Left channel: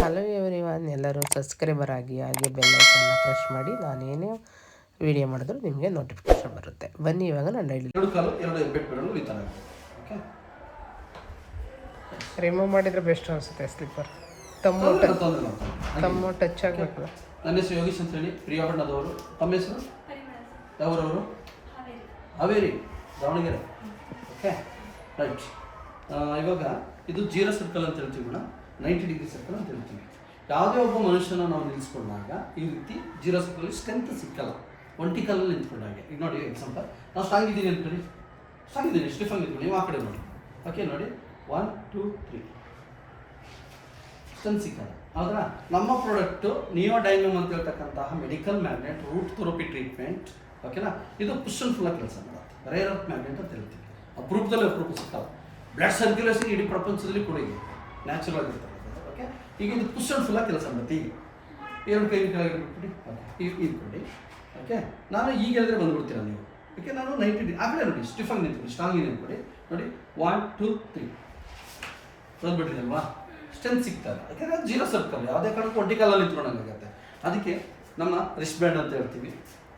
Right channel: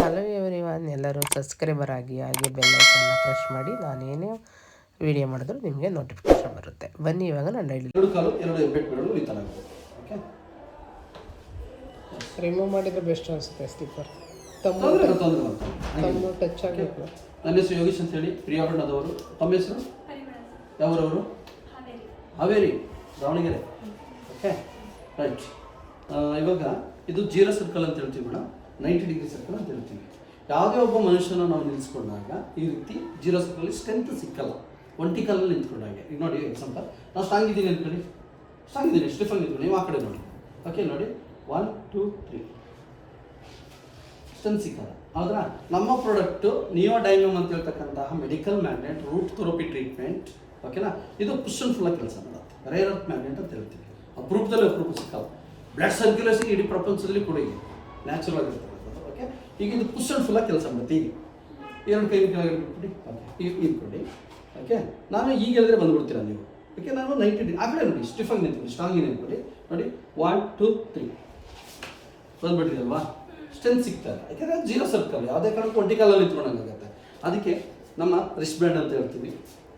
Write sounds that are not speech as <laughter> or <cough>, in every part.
Hello everyone ಎಲ್ಲರೂ subscriber ಆಗಿ ಹಾಗೆ ಬೆಲ್ಲೈಕನ್ನ ಪ್ರೆಸ್ ಮಾಡಿ ನಾನೇನೇ ವಿಡಿಯೋ ಮಾಡಿದ್ರು ನಿಮಗೆ ನೋಟಿಫಿಕೇಶನ್ ಬರುತ್ತೆ. ಬನ್ನಿ ಇವಾಗ ನಾನು ಡೈಲಿ ರಿಮೂವ್ ಮಾಡಿದರೆ ಬೆಸ್ಟ್ ಅನಿಸುತ್ತೆ ಸ್ಲಿಪ್ಪರ್ ತಮ್ಮ ತಮ್ಮು ಟಚ್ ಆಗಬೇಕು. ನನ್ನ ಹೆಸರು ಯೋಗೀಶ್ ಅಂತ ಹೇಳಿ ಪ್ರಿಯಾ ಬಣ್ಣದವರು ತಮ್ಮ ಹೆಸರು? ಯಾವರವರು? ಹಾವೇರಿ. ದಾವಣಗೆರೆ. ಓಕೆ ರೈಟ್ ಇವಾಗ ಇದು ಜೀರೋ ಸರ್ಕಲ್ ಅಂತ ಹೇಳ್ತೀವಿ ಮೇಡಮ್. ನೈಂಟಿ ಡಿಗ್ರಿ ಸರ್ಕಲ್ ಅಂತ ಹೇಳ್ತೀವಿ. ಯಾವುದೇ ಒಬ್ಬ ಮನುಷ್ಯನ ನಾವು ನಿಲ್ಲಿಸ್ಕೊಂಡಾಗ ಈ ರೀತಿ ಜೀರೋ ಸರ್ಕಲ್ ಸ್ಟ್ರೆಂತ್ ಸಿಕ್ಕಲ್ಲ. ಒಂಟಿ ಕಾಲಲ್ಲಿ ನಿಂತ್ಕೊಂಡಾಗ. ಈಗ ನೋಡಿ ಎಕ್ಸಾಂಪಲ್ ನಾವು ಸ್ಟ್ರಾಂಗ್ ಇದ್ದೀನಿ ಅಂತ ಸ್ಟ್ರಾಂಗ್ ಇದ್ದೀನಿ ಸ್ಟಿಫನ್ ಇದ್ದೀನಿ ನೀವು ಆ ಕಡೆ ನೋಡಿ. ಓಕೆ ನೋಡಿ. ಒನ್ ಟೂ ತ್ರೀ ಸ್ಟ್ರೆಂತ್ ಸಿಕ್ಕಲ್ಲ. ಹೌದಾ ನಮ್ಮ ಪ್ರಾಡಕ್ಟು ನಿಯೋ ಡೈನಮ್ ಅಂತ ಹೇಳ್ತಕ್ಕಂತಹ medical magnet root therapy treatment ಓಕೆನಾ ಇದು ಪುಷನ್ ಫುಲ್ ಕೆಲಸ ಮಾಡುತ್ತೆ. ರೇರ್ ಅರ್ತ್ ಮ್ಯಾಗ್ನೆಟ್ ಅಂತ ಹೇಳ್ತೀವಿ. ಅಪರೂಪದಲ್ಲಿ ಅಪರೂಪ ಸಿಕ್ಕಲ್ಲ. ಬ್ಲಡ್ ಸರ್ಕ್ಯುಲೇಷನ್ ಇಡೀ ಪ್ರಪಂಚದಲ್ಲಿ ಕೂಡ ಇದೆ. ನ್ಯಾಚುರಲ್ ಆಗಿರ್ತದೆ ಓಕೆ ಈಗ ಇದು ಪುಷನ್ ಫುಲ್ ಕೆಲಸ ಮಾಡುತ್ತೆ. ಈಗ ಎರಡು ಕೈ ಕೆಳಗಡೆ ಬಿಟ್ಬಿಡಿ. ಓಕೆ. ನಾನು ಈಗ ಹೇಳಿದ್ರೆ ಬಂದ್ಬಿಡ್ತೀರಾ ನೀವು? ಓಕೆ, ನಾನು ನೈಂಟಿ ಡಿ ಆ ಕಡೆ ನೋಡಿ ಸ್ಟಿಫನ್ ನಿಂತ್ಕೊಳ್ಳಿ ಸ್ಟ್ರಾಂಗ್ ನಿಂತ್ಕೊಳ್ಳಿ. ನೋಡಿ ಒನ್ ಟು ತ್ರೀ ಬಂದ್ಬಿಟ್ಟಿದಲ್ವಾ? ಸ್ಟ್ರೆಂತ್ ಸಿಗ್ತದೆ ಯಾಕಂದ್ರೆ ಜೀರೋ ಸರ್ಕಲ್ ಯಾವುದೇ ಕಾರಣಕ್ಕೂ ಒಂಟಿ ಕಾಲಲ್ಲಿ ಇಟ್ಕೊಂಡಂಗಾಗುತ್ತೆ ಅದಕ್ಕೆ ನಮ್ಮ ರಿಸ್ಟ್ ಬ್ಯಾಂಡ್ ಅಂತ ಹೇಳ್ತೀವಿ.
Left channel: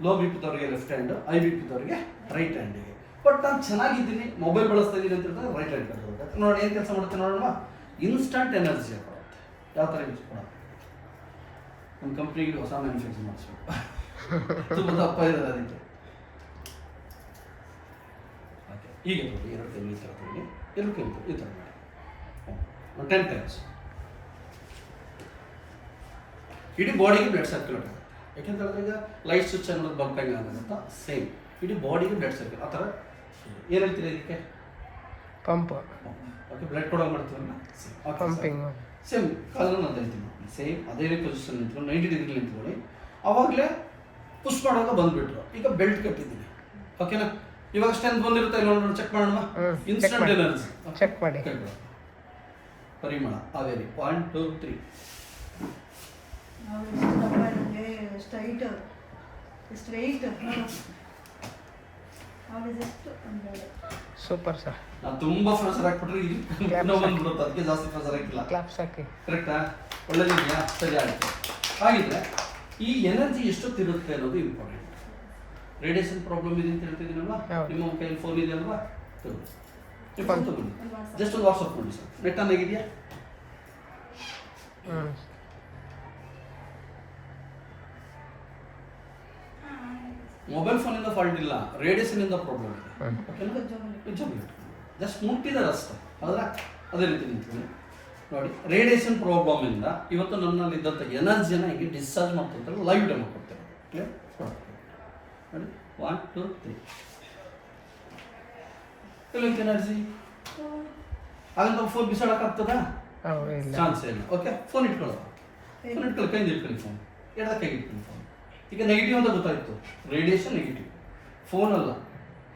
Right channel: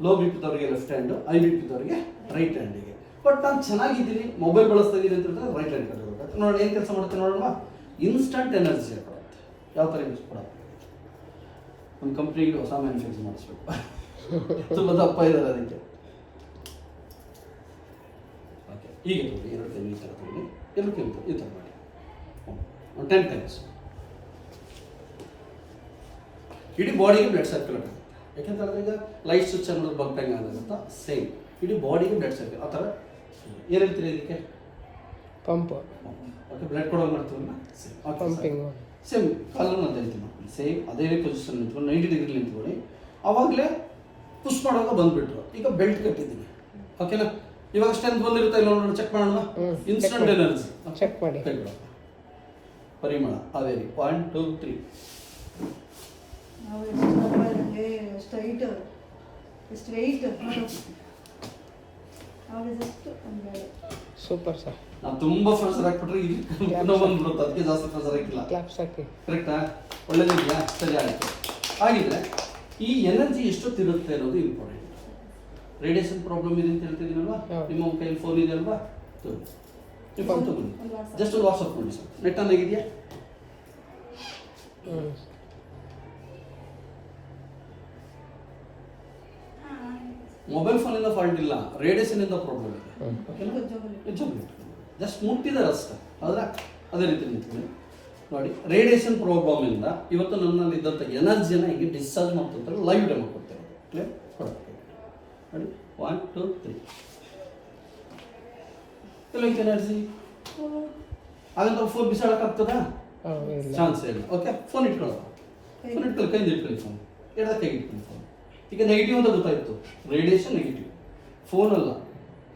ಲೋ ಬಿ ಪಿದವ್ರಿಗೆ ಲೆಫ್ಟ್ ಹ್ಯಾಂಡ್ ಐ ಬಿ ಪಿದವ್ರಿಗೆ ರೈಟ್ ಹ್ಯಾಂಡಿಗೆ ಬಟ್ ನಾನು ಚೆನ್ನಾಗಿದ್ದೀನಿ ಮೊಬೈಲ್ ಬಳಸ್ತಾ ಇದ್ದೀನಿ ಅಂತ ಹೇಳಿದ್ರೆ ರೈಟ್ ಹ್ಯಾಂಡ್ ನೋಡಿ ಏನು ಕೆಲಸ ಮಾಡುತ್ತೆ ನೋಡೋಣ. ಇನ್ಸ್ಟಂಟ್ ಎನರ್ಜಿ ಯಾವ ಥರ ಯೂಸ್ ಮಾಡೋದು? ನಮ್ಮ ಕಂಪ್ನಿಗೆ ಹೊಸ ಮ್ಯಾನುಫ್ಯಾಕ್ಚರ್ ಮಾಡಿಸ್ಬೇಕು. <laughs> ತುಂಬ ದಪ್ಪ ಇದ್ದಾರೆ ಅದಕ್ಕೆ. ಓಕೆ ಈಗ ನೋಡಿ ಎರಡು ಕೈ ಈ ಥರ ತಗೊಳ್ಳಿ. ಎರಡು ಕೈ ಈ ಥರ ಮಾಡಿ. ಟೆನ್ ಟೈಮ್ಸ್ ಇಡೀ ಬಾಡಿಗೆ ಬ್ಲಡ್ ಸರ್ಕ್ಯುಲೇಟ್ ಆಗುತ್ತೆ ಯಾಕೆಂತಂದ್ರೆ ಈಗ ಲೈಟ್ ಸ್ವಿಚ್ ಅನ್ನೋದು ಬಂಪಂಗ್ ಆಗುತ್ತೆ ಸೇಮ್ ಇಡೀ ಬಾಡಿಗೆ ಬ್ಲಡ್ ಸರ್ಕ್ಯುಲೇಟ್ ಆ ಥರ ಏನಂತೀರ ಇದಕ್ಕೆ? ಪಂಪ್ ಓಕೆ ಬ್ಲಡ್ ಕೊಡೋ ಮಾಡ್ತೀರಲ್ಲ ಪಂಪಿಂಗ್ ಸೇಮ್ ಕಾಲನ್ನು ಅಂತ ಹೇಳ್ತೀನಿ. ಸೇಮ್ ಅದೇ ಪೊಸಿಷನ್ ನಿಂತ್ಕೊಂಡು ನೈಂಟಿ ಡಿಗ್ರಿ ನಿಂತ್ಕೊಳ್ಳಿ ಅವಾಗಲೇ ಪುಷ್ ಮಾಡೋದು ಬಂದ್ಬಿಟ್ರು. ಈಗ ಬೆಲ್ಟ್ ಕಟ್ಟಿದ್ದೀನಿ ಓಕೆನಾ ಇವಾಗ ಸ್ಟ್ರೆಂತ್ ಬಂದಿರುತ್ತೆ ಇಲ್ಲ ನೋಡೋಣ ಚೆಕ್ ಮಾಡೋಣ. ಇನ್ಸ್ಟೆಂಟ್. ಎನರ್ಜಿ ಚೆಕ್ ಮಾಡಿ. Parimala Haveri. One two three straight straight super sir ನಾನು ತುಂಬಾ ಫ್ರೆಸರ್ ಹಾಕ್ಬಿಟ್ರೆ ಇಲ್ಲಿ Claps ಒಂದು ಅದಕ್ಕೆ ಜಾಸ್ತಿ ಫ್ರೆಸರ್ ಹಾಕಿಲ್ಲ. ಕ್ಲಾಪ್ಸ್ ಹಾಕಿ ಕರೆಕ್ಟಾ ಒಳ್ಳೇದಿಲ್ಲ ಸರಿ ಆಯ್ತು. ಹಾಗಿದ್ರೆ ಈ ಎನರ್ಜಿ ಎಷ್ಟೊತ್ತಿರುತ್ತೆ ಅನ್ನೋದು ಇಂಪಾರ್ಟೆಂಟ್ ರೇಡಿಯೇಷನ್ ಪ್ರಾಬ್ಲಮ್ ಇದೆ ಅಂತ ಹೇಳ್ತಿದ್ದೀನಲ್ವಾ. ನಿಮ್ಮ ಕೈಯಲ್ಲಿ ಫೋನ್ ಇದೆ ಅಲ್ವಾ? ತಗೊಳ್ಳಿ. ಜಸ್ಟ್ ಒಂದು ವಾಟ್ಸಪ್ ಕೊಡಿ ಸರ್ ನೆಟ್ ಆನ್ ಆಗಿದೆಯಾ? ಮೊಬೈಲ್ ಫೋನಿಂದ ಫಾಲ್ಟ್ ಇಲ್ಲ ರೇಡಿಯೇಷನ್ ಇಂದ ಪ್ರಾಬ್ಲಮ್ ಇದೆ. ಜಸ್ಟ್ ಮುಟ್ಟಿದ್ದಾರೆ ಅಷ್ಟೇ. ಹೌದಾ ಅದೇ ರೀತಿ ನಿಂತಿದೆ. ನೋಡಿ ರೇಡಿಯೇಷನ್ ಪ್ರಾಬ್ಲಮ್ ಇಂದ ಇವತ್ತು ನನ್ನಲ್ಲಿ ಇದ್ದಂಥ ಎನರ್ಜಿಯನ್ನು ಹೇಗೆ ಡಿಸ್ಚಾರ್ಜ್ ಮಾಡ್ತಾರೆ ಲೈವ್ ಡೆಮೋ ಕೊಡ್ತೇವೆ ಕ್ಲಿಯರ್ ನೋಡಿ ಒನ್ ಟು ತ್ರೀ ಕೆಲವೊಂದು ಎನರ್ಜಿ ಹಾಗಂತ ಫೋನ್ ಬಿಸಾಡಕ್ಕಾಗ್ತದಾ ಚಾನ್ಸ್ ಇಲ್ಲ. ಓಕೆ ಫೋನ್ ಇಟ್ಕೊಳ್ಳೋ ಫೋನ್ ಇಟ್ಕೊಳ್ಳಿ ಕೈಯಿಂದ ಇಟ್ಕೊಳ್ಳಿ ಫೋನ್ ಎಡದ ಕೈ ಇಟ್ಕೊಳ್ಳಿ ಫೋನ್ ಈಗ ನೆಗೆಟಿವ್ ಅಂತ ಗೊತ್ತಾಯ್ತು. ರೇಡಿಯೇಷನ್ ನೆಗೆಟಿವ್ ಫೋನ್ ಅಲ್ಲ.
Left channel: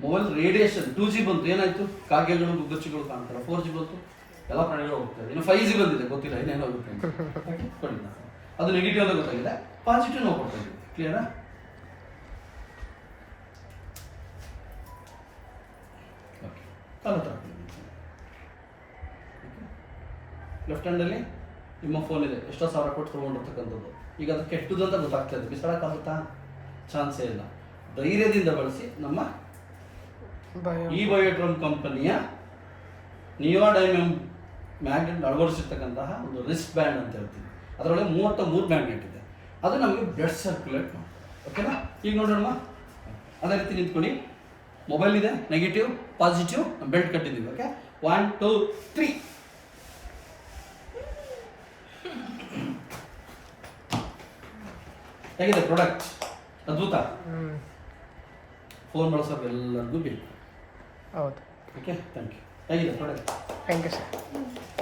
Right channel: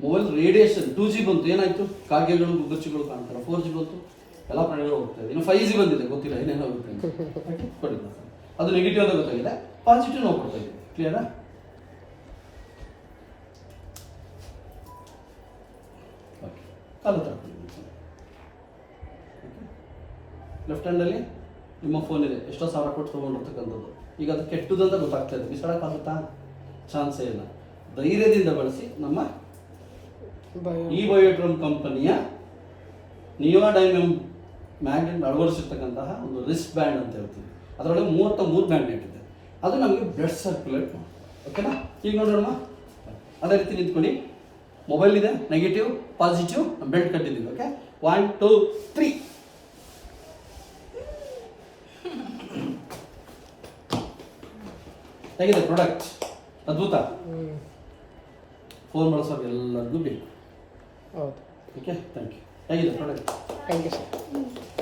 ಮೊಬೈಲ್ ರೇಡಿಯೇಷನ್ ಟೂ ಜಿ ಬಂತು. ಏನಾಯ್ತು? ಕಾಗೆಗಳು ಗುಬ್ಬಚ್ಚಿಗಳು ಕಾಣ್ತಾರೆ ಫೋರ್ ಜಿ ಬಂತು. ಎಲ್ಲ ಪ್ರಾಣಿಗಳು ಹೋಗ್ತಾ ಇದೆ ಇನ್ನು ಫೈವ್ ಜಿ ಬಂದಿದೆ. ಗೊತ್ತಿಲ್ಲ. ಏನೇನು ಆಗುತ್ತೆ ಅದು ನೆಗೆಟಿವ್ ಅಂತ ಗೊತ್ತಾಗಿದೆ. ಪಾಸಿಟಿವ್ ನಾವು ಕೊಡ್ತಾ ಇದ್ದೀವಿ. ಕ್ಲಿಯರಾ ಲೆಫ್ಟ್ ಹ್ಯಾಂಡಲ್ಲಿ ನಿಮ್ಮ ಫೋನ್ ಇದೆ. ಎಷ್ಟೋ ಸಾವಿರ ಕೊಟ್ಟು ತೊಗೊಂಡಿರ್ತಕ್ಕಂಥದ್ದು. ಈಗ ಅದು ಕೆಟ್ಟದ್ದು ಅಂತ ಗೊತ್ತಾಗ್ತಾ ಇದೆ ಬಿಸಾಡಕ್ಕಾಗುತ್ತಾ? ಚಾನ್ಸೇ ಇಲ್ಲ. ಧೈರ್ಯದಿಂದ ಬಳಸಿ ನಮ್ಮ ಈ ಬಯೋಟ್ರಮ್ ಕಂಪನಿಯ ನಿಯೋಡೈಮಮ್ ಮ್ಯಾಗ್ನೆಟ್ ಅಳವಡಿಸಿರ್ತಕ್ಕಂತಹ ಒಂದು ರಿಸ್ಕ್ ಬ್ಯಾಂಡ್ ಅಂತ ಹೇಳ್ತೀವಿ. ಅದರೊಳಗೆ ಮೂವತ್ತ ಮೂರು ಮ್ಯಾಗ್ನೆಟ್ ಇದೆ. ಅದು ನಮಗೆ ಬ್ಲಡ್ ಸರ್ಕ್ಯುಲೇಟ್ ಮಾಡಿ ಓಕೆನಾ ಈಗ ನೋಡೋಣ ಅದೇ ರೀತಿ ನಿಂತ್ಕೊಳ್ಳಿ. ಮೊಬೈಲ್ ಇದೆ ನೆಗೆಟಿವ್ ಪಾಸಿಟಿವ್ ಬೆಲ್ಟ್ ಕಟ್ಟಿದ್ದೀವಿ ಓಕೆ ಒನ್ ಟೂ ತ್ರೀ ಹೇಗಿದೆ ಪ್ರಾಡಕ್ಟ್ ಅದ್ಭುತ. ಫೋನ್ ಬಳಸೋರು ಎಲ್ಲರಿಗೂ ಬೇಕು. ಹೌದು. ಓಕೆ ಥ್ಯಾಂಕ್ ಯು ಹೇಗಿದೆ ಪ್ರಾಡಕ್ಟ್ ಥ್ಯಾಂಕ್ ಯು ಸರ್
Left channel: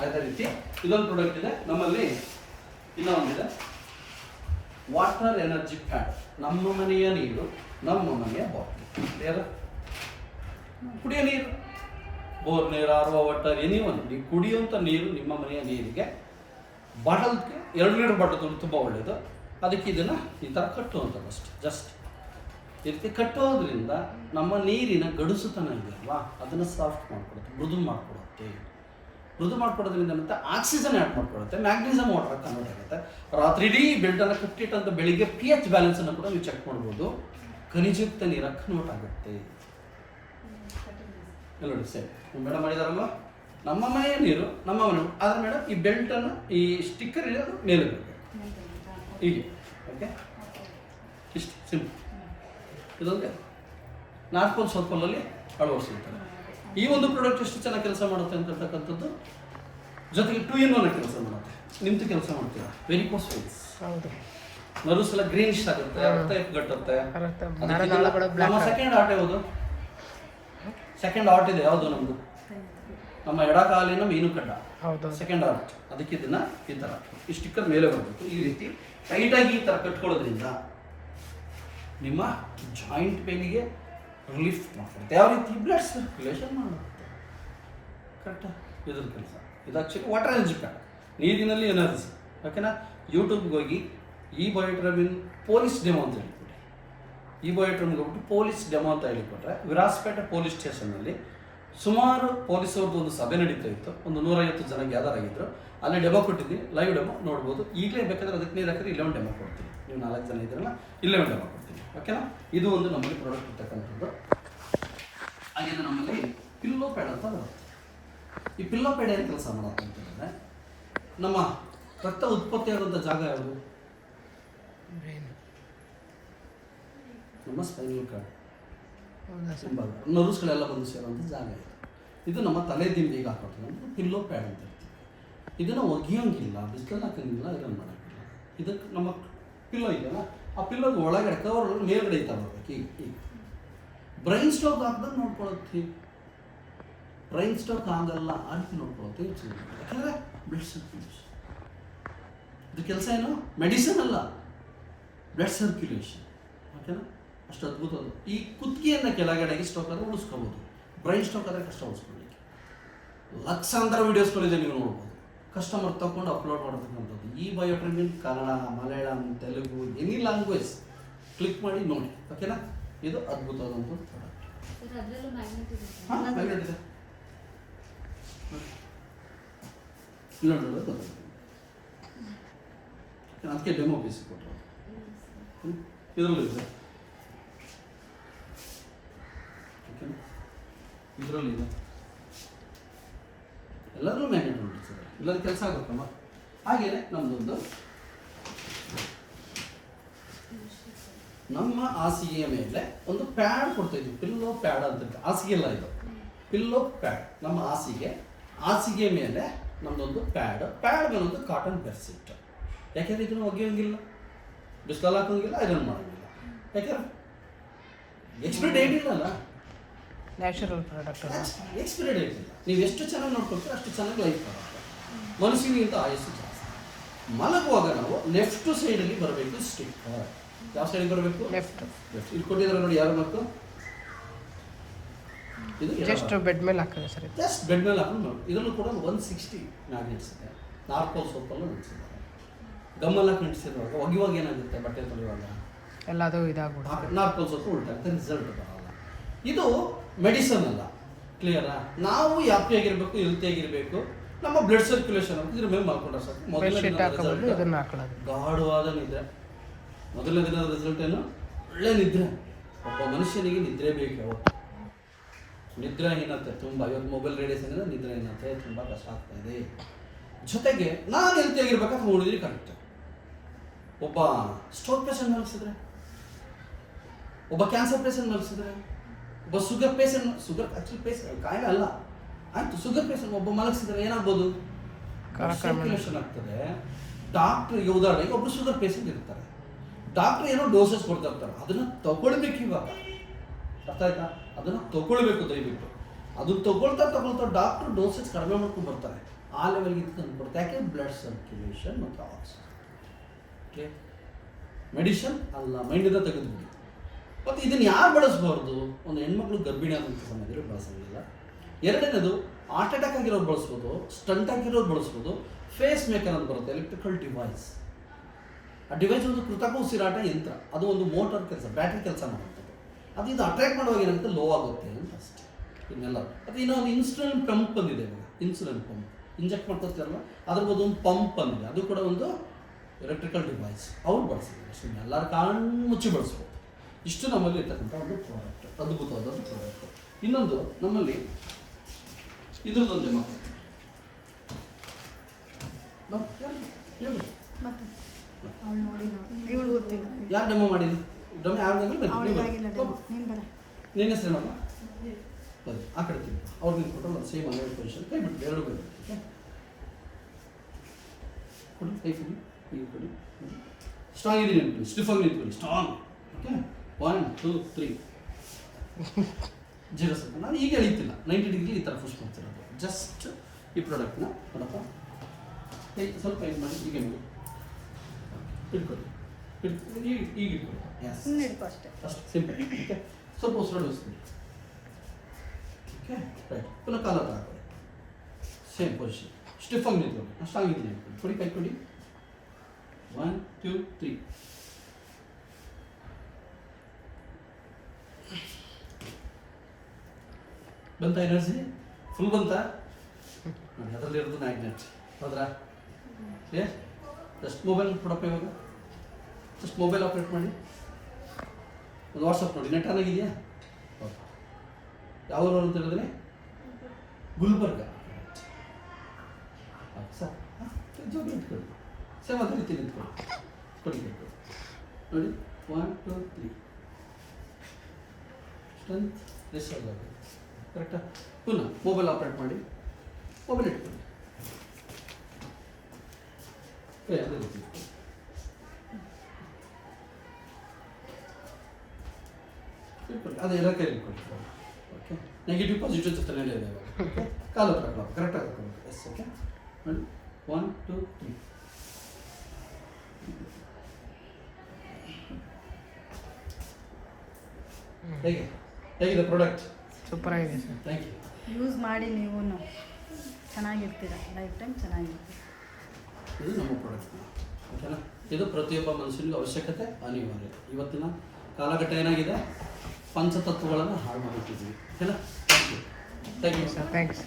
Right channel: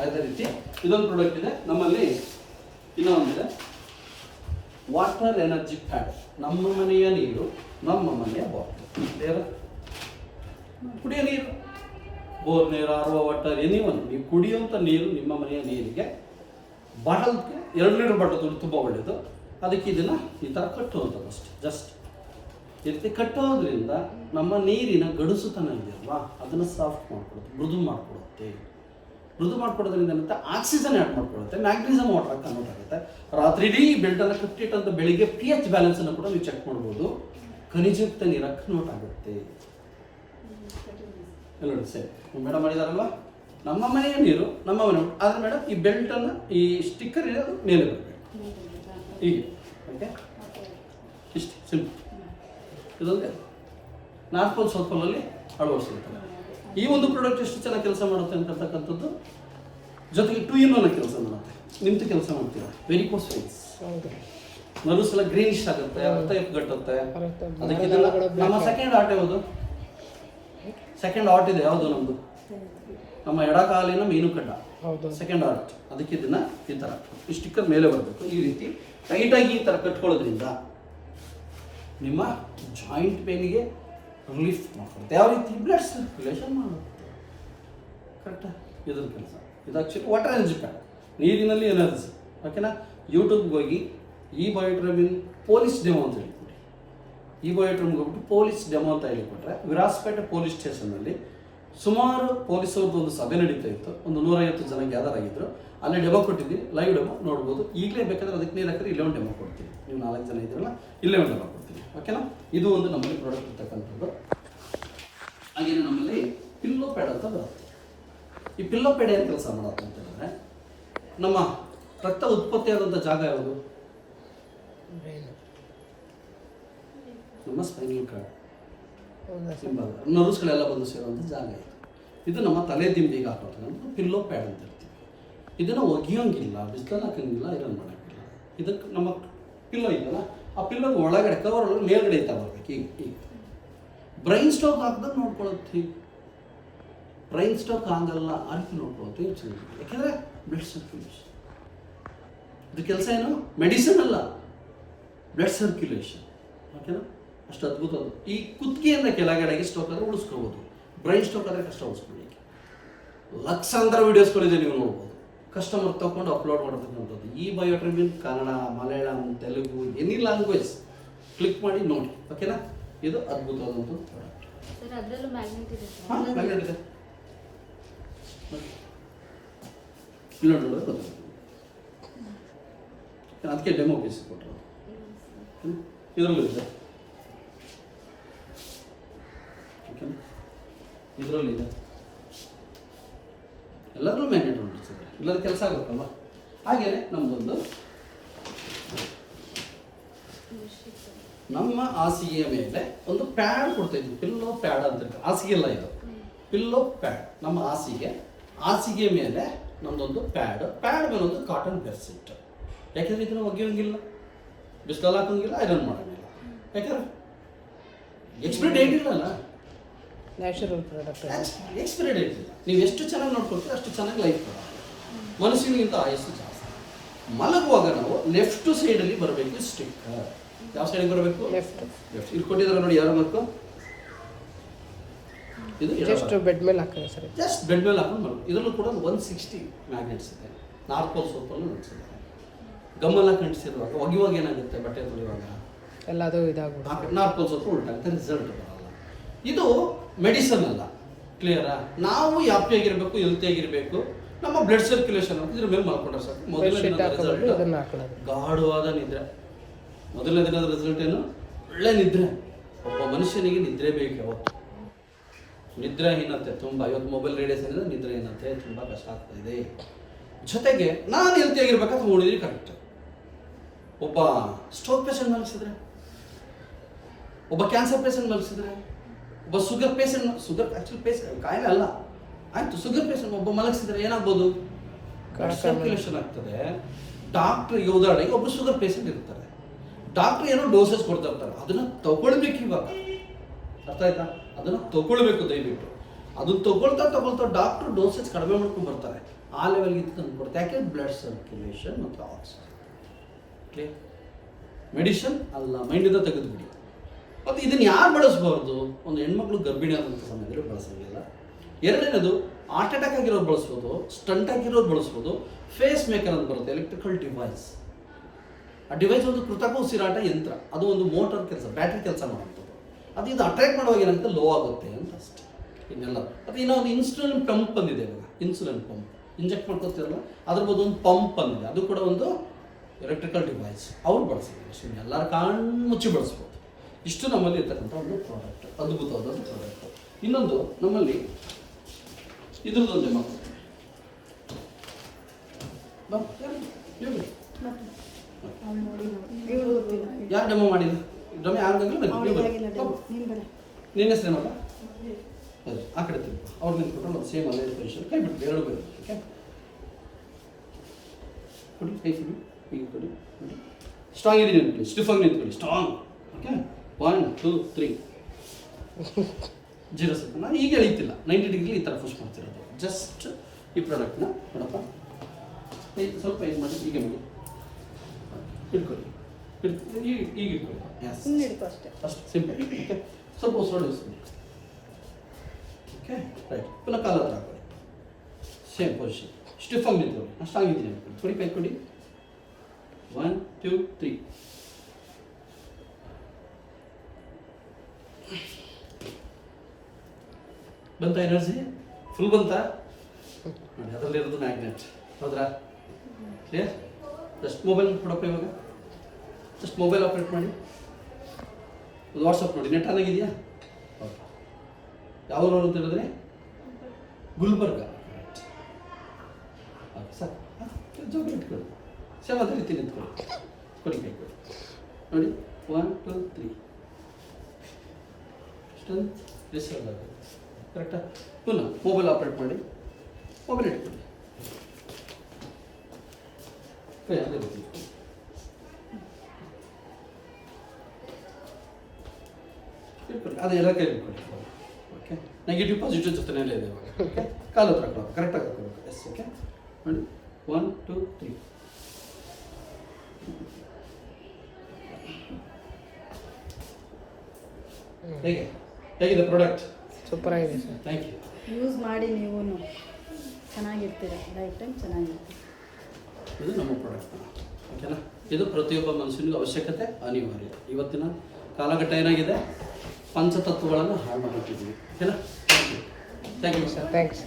ಅದೇ ರೀತಿ ಇದೊಂದು ಪ್ರಾಡಕ್ಟ್ ಇದೆ. ನಮ್ಮಲ್ಲಿ ಇನ್ನೊಂದಿದೆ. ವಾಟರ್ ಎನರ್ಜಿ ಪ್ಯಾಡ್ ನಮ್ಮ ಮನೆಯ ನೀರು ನಮ್ಮ ಮನೆಯ ಬಾಟಲ್ ಕುಡಿಯ ಕುಡಿಯೋ ನೀರು. ಬೋರ್ ನೀರು ಆರ್ ವಾಟರ್ ಎನಿ ಒನ್ ನೀವು ಕುಡಿಯುವಂಥ ನೀರು ನಿಮ್ಮ ಮನೆಯ ನೀರಿಗೆ ಬಾಟಲ್ಗೆ ಎರಡು ಲೀಟರ್ ಬಾಟಲ್ ತುಂಬ ಒಳ್ಳೆಯದು ಅದಕ್ಕೆ ಇದನ್ನು ಈ ಥರ ಕಟ್ಟುವಂಥದ್ದು ಅಷ್ಟೆ ಜಸ್ಟ್ ಇದಕ್ಕೆ ಕಟ್ಟೋದ್ರಿಂದ ನಮ್ಮ ನೀರಿನ ಗಡುಸುತನ ಇದೆಯಲ್ವಾ ಅದನ್ನು ಸಾಫ್ಟ್ ಮಾಡಿಕೊಡುತ್ತೆ, ಮೃದು ಮಾಡಿಕೊಡುತ್ತೆ. ಮೃದು ಮಾಡ್ಕೊಡೋದ್ರಿಂದ ಏನಂತ ಆಕ್ಸಿಜನ್ ಆ್ಯಡ್ ಮಾಡ್ಕೊಡುತ್ತೆ ಮ್ಯಾಗ್ನೀಸಿಯಮ್ ವಾಟರ್ ಕನ್ವರ್ಟ್ ಆಗುತ್ತೆ. ರಾತ್ರಿ ಇಡೀ ಬೆಲ್ಟನ್ನು ಕಟ್ಟಿಟ್ಟಂತ ಬೆಳಿಗ್ಗೆ ಪಿ ಎಚ್ ಬ್ಯಾಲೆನ್ಸನ್ನು ಕೂಡ ನೀವು ಚೆಕ್ ಮಾಡ್ಬೋದು. ಖನಿಜಯುಕ್ತ ನೀರ ಕನ್ವರ್ಟ್ ಆಗುತ್ತೆ. ಎಲ್ಲರೂ ಸರಿ ಮೇಡಮ್ ಮಾಡಿದಾರಲ್ವ? ನಮ್ಮ ಮನೆಯ ನೀರು, ನಮ್ಮ ಮನೆ. ಆದ್ರೆ ಮೇಡಮ್ ಈ ಬೆಲ್ಟನ್ನು ಈ ಸ್ಟಿಕ್ಕರ್ ಮೇಲೆ ಬರಬೇಕು. ಹೀಗೆ ಓಕೆ ಇಷ್ಟು ಸಿಂಪಲ್ ಇದೊಂದೇ ನಾಲ್ಕು ಸರ್ಕಲಲ್ಲಿ ಅಳವಡಿಸಿರ್ತಾರೆ ಈ ಒಂದು ಪ್ರಾಡಕ್ಟ್ ಎಷ್ಟು ಚೆನ್ನಾಗಿ ಕೆಲಸ ಮಾಡುತ್ತೆ ಅಂತಕ್ಕಂಥದ್ದು ಜೊತೆಗೆ ಟೂ ಇನ್ ಒನ್ ಕೆಲಸ ಮಾಡುತ್ತೆ. ನಿಂತು ಕೆಲಸ ಮಾಡ್ತೀರಾ? ವೆರಿ ಫೇಸ್ ಹೌದು. ನರ್ವ್ಸ್ ಎಲ್ಲ ಗ್ರೀನಿಶ್ ಆಗುತ್ತೆ ರಕ್ತ ಗಟ್ಟುತ್ತೆ. ನಮ್ಮ ಸೆಕೆಂಡ್ ಆರ್ಟ್ ಯಾವುದು? ಸೆಕೆಂಡ್ ಆರ್ಟ್ ಇದೆ ಯಾವುದು ನಮ್ದು? ನಮ್ಮ ಎಡಕಾಲಿನ ಮೀನು ಕಡ್ಡ ಸೆಕೆಂಡ್ ಆರ್ಟ್ ಅದಕ್ಕೆ ಇದನ್ನ ಈ ತರ. ಈ ಸ್ಟಿಕ್ಕರ್ ಮೇಲೆ ಬರಬೇಕು. ಈ ರೀತಿ ಟೈಟಾಗಿ ಈ ಥರ ಕಟ್ಕೊಳ್ಳೋದ್ರಿಂದ ನಿಮ್ಮ ಜಾಯಿಂಟ್ ಪೇನಿಗೆ ರಿಲೀಫ್ ಮಾಡ್ಕೊಡುತ್ತೆ. ಯಾವ ರೀತಿ? ಬ್ಲಡ್ ಸರ್ಕ್ಯುಲೇಷನ್ ಮಾಡುತ್ತೆ ಇದ್ರ ಕೆಲಸ. ಇದು ಆಕ್ಚುಲಿ ವಾಟರ್ ಎನರ್ಜಿ ಪ್ಯಾಕ್ ನೀರಿನಲ್ಲಿ ಎನರ್ಜಿ ಓಕೆನಾ ಯೂಟ್ಯೂಬ್ಗೆ ಹೋಗಿ ಈ ಬಯೋಟ್ರಮಿನ್ ಪೊಲೀಸ್ ಡೆಮೋ ಅಂತ ಹೇಳಿಕೊಡಿ. ಈ ಬಯೋಟ್ರಮ್ಗೆ ಹೋಗ್ಬಿಟ್ಟು ಪೊಲೀಸ್ ಡೆಮೋ ಅಂತ ಹೇಳಿಕೊಟ್ರೆ ವಿರಾಸ್ಪೇಟೆ ಪೊಲೀಸ್ ಸ್ಟೇಷನ್ನಲ್ಲಿ ಸುಮಾರು ಪೊಲೀಸರದ್ದು ಒಂದು ಸಭೆ ನಡೀತಾ ಇತ್ತು. ಒಂದು ನೂರೈವತ್ತು ಜನ ಗ್ಯಾದರ್ ಆಗಿದ್ರು. ಅಲ್ಲಿ ಡೆಮೋ ಕೊಟ್ಟಿದ್ದೀನಿ ಲೈವ್ ಡೆಮೋ ನೋಡ್ಬೋದು. ಈಗಲೇ ಬೇಕಾದ್ರೆ ಅದಕ್ಕೆ ನೀರು ಹಾಕಿದ್ರೆ ಇಲ್ಲೇ ಒಂದು ಡೆಮೋ ಕೊಡ್ತೀನಿ ನೀವು ನಾಲ್ಕು ಜನ ಇದ್ರಲ್ಲ ಇಲ್ಲೇ ಒಂದು ಡೆಮೋ ಕೊಡ್ತೀನಿ ಓಕೆನಾ ಇದು ಒಂದು ನಮ್ಮಲ್ಲಿ ಪ್ರಾಡಕ್ಟ್ ಇರ್ತಕ್ಕಂಥದ್ದು. ಹಾಗೇನೆ ನಮ್ಮಲ್ಲಿ ಪಿಲ್ಲೋ ಪ್ಯಾಡ್ ಅಂತ ಬರುತ್ತೆ. ಈ ಪಿಲ್ಲೋ ಪ್ಯಾಡ್ ಏನು ಕೆಲಸ ಮಾಡುತ್ತೆ ಅಂತಂದರೆ ನಮ್ಮ ರಕ್ತ ಉತ್ಪತ್ತಿಯಾದಂಥ ಜಾಗ ಯಾವುದು? ನಮ್ಮ ಸ್ಪೈನಲ್ ಕಾರ್ಡ್ ನರ್ವ್ಸ್ಗಳೆಲ್ಲ ಬಂದು ಸೇರುವಂಥ ಜಾಗ ಇದೆ. ಇದು ನಮ್ಮ ತಲೆ ದಿಂಬಿಗೆ ಹಾಕೋದು. ಪಿಲ್ಲೋ ಪ್ಯಾಡ್ ಅಂತ ಇರ್ತೀವಿ. ಇದನ್ನು ಒಗೆಯೋಂಗಿಲ್ಲ, ಬಿಸಿಲಲ್ಲಿ ಹಾಕಂಗಿಲ್ಲ, ಇದನ್ನು ಮಾಡೋಂಗಿಲ್ಲ ಇದಕ್ಕೆ ನಮ್ಮ ಪಿಲ್ಲೋ ಇದೆಯಲ್ಲ, ಆ ಪಿಲ್ಲೋದ ಒಳಗಡೆ ಕವರ್ ಒಳಗೆ ಮೇಲ್ಗಡೆ ಐತಾ ಬರ್ಬೇಕು ಈಗ ಈಗ. ಬ್ರೈನ್ ಸ್ಟೋಕ್ ಆಗ್ದಾಗ ನೋಡ್ಕೊಳತ್ತಿ ಬ್ರೈನ್ ಸ್ಟೋಕ್ ಆಗಲ್ಲ ರೀತಿ ನೋಡ್ಕೊಳತ್ತಿ ಯಾಕಂದರೆ ಬ್ಲಡ್ ಸರ್ಕ್ಯುಲೇಷನ್ ಇದು ಕೆಲಸ ಏನು? ಮೆಡಿಸಿನ್ ಅಲ್ಲ. ಬ್ಲಡ್ ಸರ್ಕ್ಯುಲೇಷನ್ ಓಕೆನಾ ಅಷ್ಟು ಅದ್ಭುತ ಅದು ಈ ಕುತ್ತಿಗೆಯನ್ನು ಕೆಳಗಡೆಗೆ ಸ್ಟೋಕ್ ಆದರೆ ಉಳಿಸ್ಕೋಬೋದು ಬ್ರೈನ್ ಸ್ಟೋಕ್ ಆದರೆ ಕಷ್ಟ ಉಳಿಸ್ಕೊಳ್ಳಿ ಲಕ್ಷಾಂತರ ವೀಡಿಯೋಸ್ಗಳಿದೆ ನೀವು ನೋಡ್ಬೋದು. ಕಸ್ಟಮರ್ ತಗೊಂಡು ಅಪ್ಲೋಡ್ ಮಾಡತಕ್ಕಂಥದ್ದು ಈ bio tribune Kannada Malayalam Telugu any language click ಮಾಡಿ ನೋಡಿ. ಓಕೆನಾ ಇದು ಅದ್ಭುತವಾದಂಥ ಪ್ರಾಡಕ್ಟ್. ಇಲ್ಲಿ ಗೊತ್ತಾಗ್ತದೆ ಅದಕ್ಕೆ ಡೆಮೋ ಪೀಸ್ ಕೊಟ್ಟರು ಇದರಲ್ಲೂ ಇದೆ ಓಕೆನಾ ಇದರಲ್ಲೂ ಇದೆ. ಎಲ್ಲರೂ ಮ್ಯಾನೇಜ್ ಮಾಡ್ತಾರೆ. ಇಲ್ಲದ ಕೆಲಸ ಆಗುತ್ತಲ್ಲ ಹಾಗೇನೆ ನಮ್ಮದೊಂದು ನಮ್ಮ ಹಾಸಿಗೆಯ ಮೇಲೆ ಒಂದು ಪ್ಯಾಡ್ ಕೊಡ್ತಾ ಪಿಲ್ಲೋ ಪ್ಯಾಡ್ ಅಂತ ಹಾಸಿಗೆ ಎಲ್ಲ ಇದು. ಪಿಲ್ಲೋ ಪ್ಯಾಡ್ ನಮ್ಮ ಹಾಸಿಗೆ. ಹಾಸಿಗೆ ಮೇಲೆ ನಮ್ಮದೊಂದು ಪ್ಯಾಡ್ ಪ್ಯಾಡ್ ಮೇಲೆ ಒಂದು ಕಾಟನ್ ಬೆಡ್ಶೀಟ್ ಯಾಕೆಂದ್ರೆ ಇದನ್ನು ಒಗೆಯೋಂಗಿಲ್ಲ. ಬಿಸಿಲಲ್ಲಿ ಹಾಕೋಂಗಿಲ್ಲ ಐರನ್ ಮಾಡೋಂಗಿಲ್ಲ. ಯಾಕಂದ್ರೆ ಎಕ್ಸ್ಪೈರಿ ಡೇಟ್ ಇಲ್ಲಲ್ಲ ನ್ಯಾಚುರಲ್ ಪ್ರಾಡಕ್ಟ್ ನೀವು ಎಷ್ಟು ಚೆನ್ನಾಗಿ ನೋಡ್ಕೊಳ್ತೀರ ಅಷ್ಟು ಚೆನ್ನಾಗಿ ಲೈಫ್ ಮನಸ್ಸಿಗಿಂತ ಆಯಸ್ಸು ಜಾಸ್ತಿ. ಮಲಗುವಾಗ ನಾವು ಲೆಫ್ಟ್ ಸೈಡಲ್ಲಿ ಬರಬೇಕು ಸ್ಟಿಕ್ ಯಾವ ಸೈಡಿಗೆ ಬರಬೇಕು? ಲೆಫ್ಟ್ ಲೆಫ್ಟ್ ಇಲ್ಲಿ ಕೊಟ್ಟಿದ್ದಾರೆ ನೋಡಿ ಯಾರು ಮಲ್ಕೋ? ಇದು ಜಸ್ಟ್ ಬೆಡ್ ಮೇಲೆ ಹಾಕಿದೆ ಸರ್. ಜಸ್ಟ್ ಬೆಡ್ ಮೇಲೆ ಹಾಕೊಂಡು ಮಲಗು. ಇದರಲ್ಲೂ ಕೂಡ ಒನ್ ಸಿಕ್ಸ್ಟಿ ಮ್ಯಾಗ್ನೆಟ್ಸ್ ಇದೆ. ನಾರ್ಕೋಲ್ ಸೋಪಲ್ಲೂ ನಡೆಸಿದ್ದಾರೆ ಗಮ್ಮಲ್ಲ ಕಂಡಿಸಿರುವಾಗ ಒಗಿವಾಗ ಏನಾಗುತ್ತೆ ಬಟ್ಟೆ ತೊಳೆಯುವಾಗ? ಎಲ್ಲ ಅದು ಇದಾಗ್ಬಿಡುತ್ತೆ. ನಾರ್ಕೋಲ್ ಸೋಪ್ ಉಲ್ಟಾಗುತ್ತೆ ರಿಸಲ್ಟ್ ಬರಲ್ಲ. ಇದು ಮೆಡಿಸನ್ ಅಲ್ಲ. ಕ್ಲಿಯರಾ ನಾವು ಯಾಪ್ತಿಯಾಗಿರ್ಬೇಕು ಹೆಲ್ತಿಯಾಗಿರಬೇಕು ನಮ್ಮ ಬ್ಲಡ್ ಸರ್ಕ್ಯುಲೇಷನ್ ಅಂತ ಇದ್ರ ಮೇಲೆ ಮಾಡ್ಕೊಂಡ ಸರ್ ಮೊದಲನೇ ಗಾಢವಾದ ನಿದ್ರೆ. ಮೊದಲನೇ ದಿನದ ರಿಸಲ್ಟ್ ಏನು? ಒಳ್ಳೆ ನಿದ್ರೆ. ಒಬ್ಬ ಮನುಷ್ಯನಿಗೆ ನಿದ್ರೆ ಬೇಕು ಯಾವತ್ತು ನಿದ್ರಾಹೀನತೆ ತುಂಬ. ಇವತ್ತು ಮೊಬೈಲ್ ರೇಡಿಯೇಷನ್ ನಿದ್ರೆ ನಿದ್ರಾಹೀನತೆ ತುಂಬ ಕಷ್ಟ ಆಗ್ತಾ ಇದೆ. ಜೊತೆಗೆ ನಾನು ಹೆಲ್ತಿ ಆಗಿರ್ಬೇಕಂತ ನೋಡಿದ್ರಿ ಕರೆಕ್ಟ್ ಒಬ್ಬ ಸ್ಟ್ರೋಕ್ ಪೇಷಂಟ್ ಮಲಗಿಸಿದ್ರೆ ಒಬ್ಬ ಕ್ಯಾನ್ಸರ್ ಪೇಷಂಟ್ ಮಲಗಿಸಿದ್ರೆ ಒಬ್ಬ sugar patient sugar actually patient ಕಾಯಿಲೆ ಅಲ್ಲ. ಆಯ್ತು ಶುಗರ್ ಪೇಷಂಟ್ ಒಬ್ಬ ಮಲಗಿಸಿದ್ರೆ ಏನಾಗ್ಬೋದು? ಸರ್ಕ್ಯುಲೇಷನ್ ಆಗ್ತದೆ. ಡಾಕ್ಟರ್ ಉದಾಹರಣೆಗೆ ಒಬ್ಬರು ಶುಗರ್ ಪೇಷಂಟ್ ಇರ್ತಾರೆ. ಡಾಕ್ಟರ್ ಏನೋ ಡೋಸಸ್ ಕೊಡ್ತಾ ಇರ್ತಾರೆ. ಅದನ್ನ ತಗೊಳ್ಬೇಕು ಇವಾಗ. ಅರ್ಥ ಆಯ್ತಾ? ಅದನ್ನ ತಗೊಳ್ಬೇಕು ದಯವಿಟ್ಟು. ಅದು ತಗೊಳ್ತಾ ತಗೊಳ್ತಾ ಡಾಕ್ಟರ್ ಡೋಸಸ್ ಕಡಿಮೆ ಮಾಡ್ಕೊಂಡು ಬರ್ತಾರೆ. ಆ ಲೆವೆಲ್ಗೆ ಇದು ತಂದು ಕೊಡ್ತಾರೆ. ಯಾಕೆ? ಬ್ಲಡ್ ಸರ್ಕ್ಯುಲೇಷನ್ ಮತ್ತು ಆಕ್ಸಿಜನ್ ಓಕೆ ಮೆಡಿಷನ್ ಅಲ್ಲ ಮೈಂಡಿಂದ ತೆಗೆದುಬಿಡಿ. ಮತ್ತು ಇದನ್ನು ಯಾರು ಬಳಸ್ಬಾರ್ದು? ಒಂದು ಹೆಣ್ಮಕ್ಳು ಗರ್ಭಿಣಿ ಆದಂಥ ಸಮಯದಲ್ಲಿ ಬಳಸೋದಿಲ್ಲ ಎರಡನೇದು ಹಾರ್ಟ್ ಅಟ್ಯಾಕ್ ಆಗಿರೋದು ಬಳಸ್ಬೋದು ಸ್ಟಂಟ್ ಆಗಿರೋರು ಬಳಸ್ಬೋದು ಫೇಸ್ ಮೇಕರ್ ಅಂತ ಬರುತ್ತೆ ಎಲೆಕ್ಟ್ರಿಕಲ್ ಡಿವೈಸ್ ಆ ಡಿವೈಸ್ ಒಂದು ಕೃತಕ ಉಸಿರಾಟ ಯಂತ್ರ. ಅದು ಒಂದು ಮೋಟರ್ ಕೆಲಸ ಬ್ಯಾಟ್ರಿ ಕೆಲಸ ಮಾಡುವಂಥದ್ದು. ಅದು ಇದು ಅಟ್ರಾಕ್ಟ್ ಮಾಡುವಾಗ ಏನಾಗುತ್ತೆ? ಲೋ ಆಗುತ್ತೆ ಅಂತ ಅಷ್ಟೆ. ಇನ್ನೆಲ್ಲ. ಅದು ಇನ್ನೊಂದು ಇನ್ಸುಲಿನ್ ಪಂಪ್ ಬಂದಿದೆ ಇವಾಗ ಇನ್ಸುಲಿನ್ ಪಂಪ್ ಇಂಜೆಕ್ಟ್ ಮಾಡ್ಕೊತೀರಲ್ಲ ಅದ್ರ ಬದಲು ಒಂದು ಪಂಪ್ ಬಂದಿದೆ ಅದು ಕೂಡ ಒಂದು ಎಲೆಕ್ಟ್ರಿಕಲ್ ಡಿವೈಸ್ ಅವ್ರು ಬಳಸಿದ್ದಾರೆ ಎಲ್ಲರ ಕಣ್ಣು ಮುಚ್ಚಿ ಬಳಸ್ಬೋದು. ಇಷ್ಟು ನಮ್ಮಲ್ಲಿ ಇರ್ತಕ್ಕಂಥ ಒಂದು ಪ್ರಾಡಕ್ಟ್ ಅದ್ಭುತವಾದ ಒಂದು ಪ್ರಾಡಕ್ಟ್ ಇನ್ನೊಂದು ನಮ್ಮಲ್ಲಿ ಇದ್ರದ್ದೊಂದೇ ಮಾತು. ಯಾರು? ಡೆಮೋ ಮಾಡಿದ್ರು ಡೆಮೋ ಯಾರು ನಿನ್ನ ಹೆಸರೇನಪ್ಪ ಸರಿ ಆ ಕಡೆ ತಿರುಗಿ. ಅವ್ರು ನಿಂತ್ಕೊಂಡ್ರೆ ಮತ್ತೆ ಸೇಮ್ ಅದೇ ಪೊಸಿಷನ್ ಕೈ ಬಿಟ್ಟು ಎರಡು ಬೇರೆ ಓಕೆ? ಕೊಡಿ ಕೈ ಕೊಡಿ ಈಗ ಕೊಡಿ ಸ್ಟ್ರಾಂಗ್ ಇದೆ ನಿಂತ್ಕೊಳ್ಳಿ ಸ್ಟಿಫಾಗಿ ನಿಂತ್ಕೊಳ್ಳಿ. Strong okay? One two three zero ಸ್ವಲ್ಪ ನಾನು ಈಗ ಎಳೀತಿಲ್ಲ ನೈಂಟಿ ಡಿಗ್ರಿ ಈ ಥರ ಪುಷ್ ಮಾಡ್ತಿರೋದು. ಜಸ್ಟ್ ಈ ಪ್ರಾಡಕ್ಟ್ನ ನೋಡಪ್ಪ. ಸ್ವಲ್ಪ ಇದು ಮಾಡಿ ಈಗ ನೀವು. ಇಟ್ಕೊಳ್ಳಿ ಇಟ್- ಈಗ ಈಗ ಇಟ್ಕೊಳ್ಳಿ ಅಷ್ಟೇ. ಸಿಂಪಲ್ ಓಕೆ ಸ್ವಲ್ಪ ಉಸಿರಾಡಿ ಉಳಿಸ್ತೀನಿ ಓಕೆ ರೈಟ್ ಪುನಃ ಕಾಲ ಹತ್ರ ಹಾಕೊಳ್ಳಿ ಸೇಮ್ ಪೊಸಿಷನ್ ಸ್ಟಿಫಾಗಿ ನಿಂತ್ಕೊಳ್ಳಿ ಅಷ್ಟು ಆಗಿದ್ದೀನಿ ಥೋಡಿ ಕೊಡಿ ಕೈ ಕೊಡಿ. ಒನ್ ಟೂ ತ್ರೀ ಬಂತ ಎನರ್ಜಿ ಫುಲ್ ಬಂತ? ಅದರಲ್ಲಿ ಇರೋದು ಮ್ಯಾಗ್ನೆಟ್ ಹೌದ್ರಾ? ಕ್ಲಿಯರ್ ಜಸ್ಟ್ ಮೊಬೈಲ್ ಕೊಡಪ್ಪ ಇವಾಗ. ಜಸ್ಟ್ ಮೊಬೈಲ್ ಆಪ್ರೇಟ್ ಮಾಡಿ. ಒಂದು ವಾಟ್ಸಪ್ ನೋಡಿ ನೆಟ್ ಆಗಿದೆಯಾ? ಓಕೆ ಯಾವ ಊರು ಅಂತ ಹೇಳಿದ್ರೆ? ಗುಲ್ಬರ್ಗ. ಸರ್ ಜೋಗಿ ಇಟ್ಕೊಳ್ಳಿ. ಸೇಮ್ ಅದೇ ರೀತಿ ನಿಂತ್ಕೊಳ್ಳಿ. ಕೊಡಿ ನೋಡಿ ಒನ್ ಟು ತ್ರೀ ಸ್ಟ್ರೆಂತ್ ಆಗುತ್ತೆ. ಕರೆಕ್ಟಾ ಪುನಃ ಮೊಬೈಲ್ ಆಪ್ರೇಟ್ ಮಾಡಿ ಮೊಬೈಲ್ ಇಟ್ಕೊಳ್ಳಿ ಕೈ ಅದೇ ರೀತಿ ಇಟ್ಕೊಳ್ಳಿ. ಇಟ್ಕೊಳ್ಳಿ ಅದು ಎಲ್ಲ ಕೈ ಇಟ್ಕೊಳ್ಳಿ ಓಕೆ ನೆಗೆಟಿವ್ ಪಾಸಿಟಿವ್ ಜೊತೆನೇ ಇದೆ ಇವಾಗ ಓಕೆ ಕಾಲು ಹತ್ರ ಹಾಕೊಳ್ಳೋದು ಕರೆಕ್ಟಾಗಿ ಹಾಕೋಬೇಕು ಎಸ್ ಓಕೆ ನೋಡಿ ಒನ್ ಟೂ ತ್ರೀ ಹೇಗೆ ಹೇಗಿದೆ ಪ್ರಾಡಕ್ಟ್ ಸೂಪರ್ ಆಗಿದೆ ಸರ್. ಥ್ಯಾಂಕ್ ಯು ಯೂಸ್ ಮಾಡಿ ನೀವು ಚೆನ್ನಾಗಿರ್ತೀರ? ಲೈಫ್ ಟೈಮ್ ಚೆನ್ನಾಗಿರ್ತೀರ ಇದು ನಮ್ಮ ಪ್ರಾಡಕ್ಟ್ ಓಕೆನಾ ಇದು ಪ್ರತಿಯೊಬ್ಬ ಮನುಷ್ಯನಿಗೂ ಅವಶ್ಯಕತೆ ಅನಿವಾರ್ಯ. ಇವತ್ತಿನ ಕಾಲಘಟ್ಟ ಏನಾಗಿದೆ? ಪಂಚತತ್ವಗಳನ್ನು ಹಾಳು ಮಾಡಿದ್ದೀವಿ ಓಕೆನಾ ಥ್ಯಾಂಕ್ ಯು ಸರ್ ಥ್ಯಾಂಕ್ಸ್